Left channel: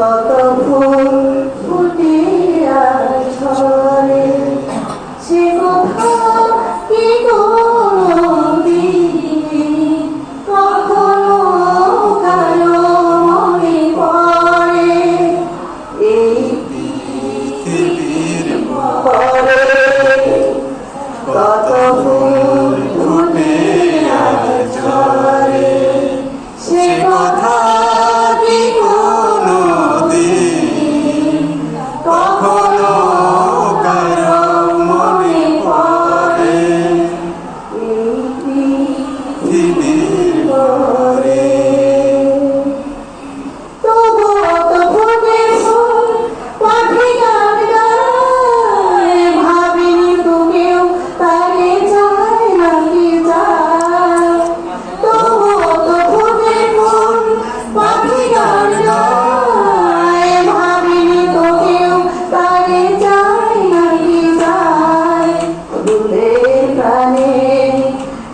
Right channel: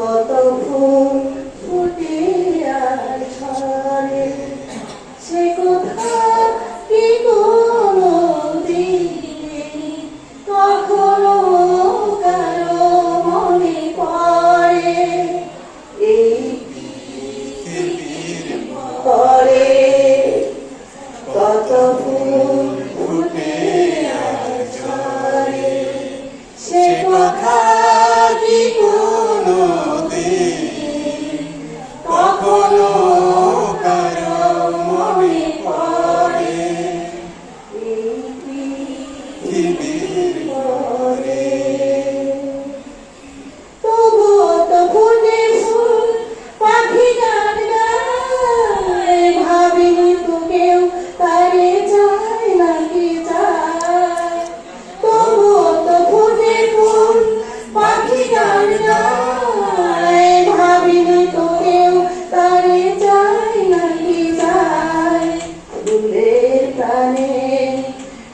কথা Allah.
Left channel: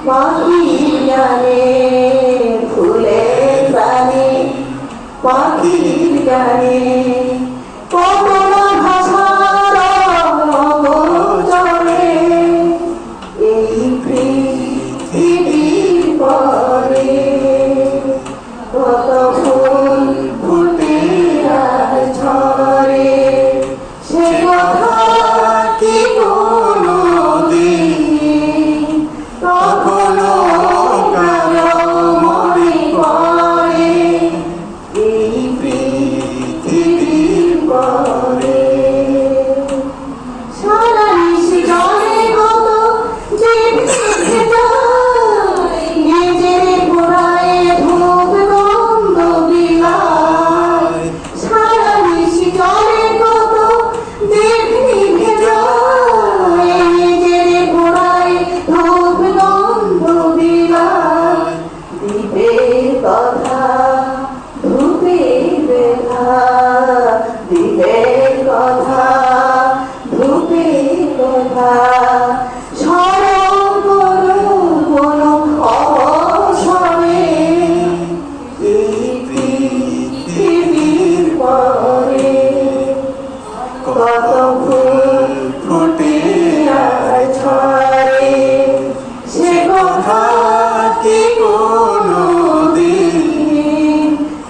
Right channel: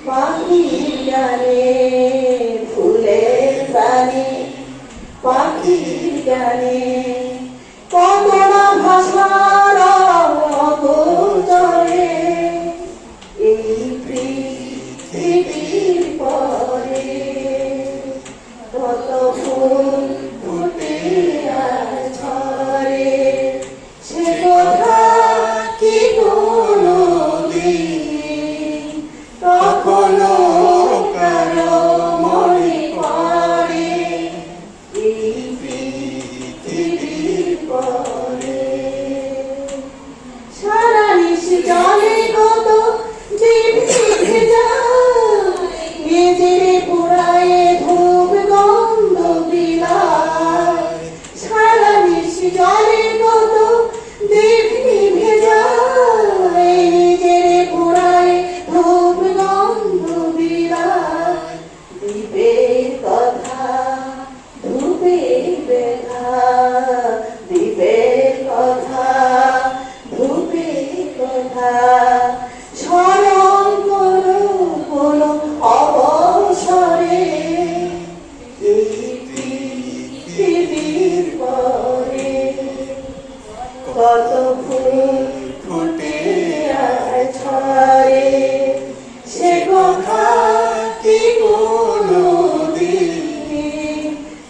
পাখি জানে ফুলের পানি পাখি জানে কত কত ফুল ফুটিয়ায় ছড়ে সে কথা কি কোনো দিন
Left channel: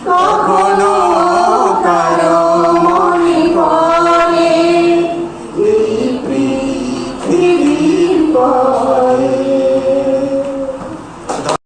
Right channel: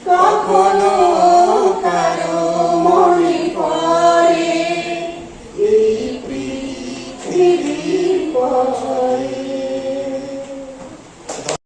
কখনো মনে পড়ে এই পৃথিবীর পর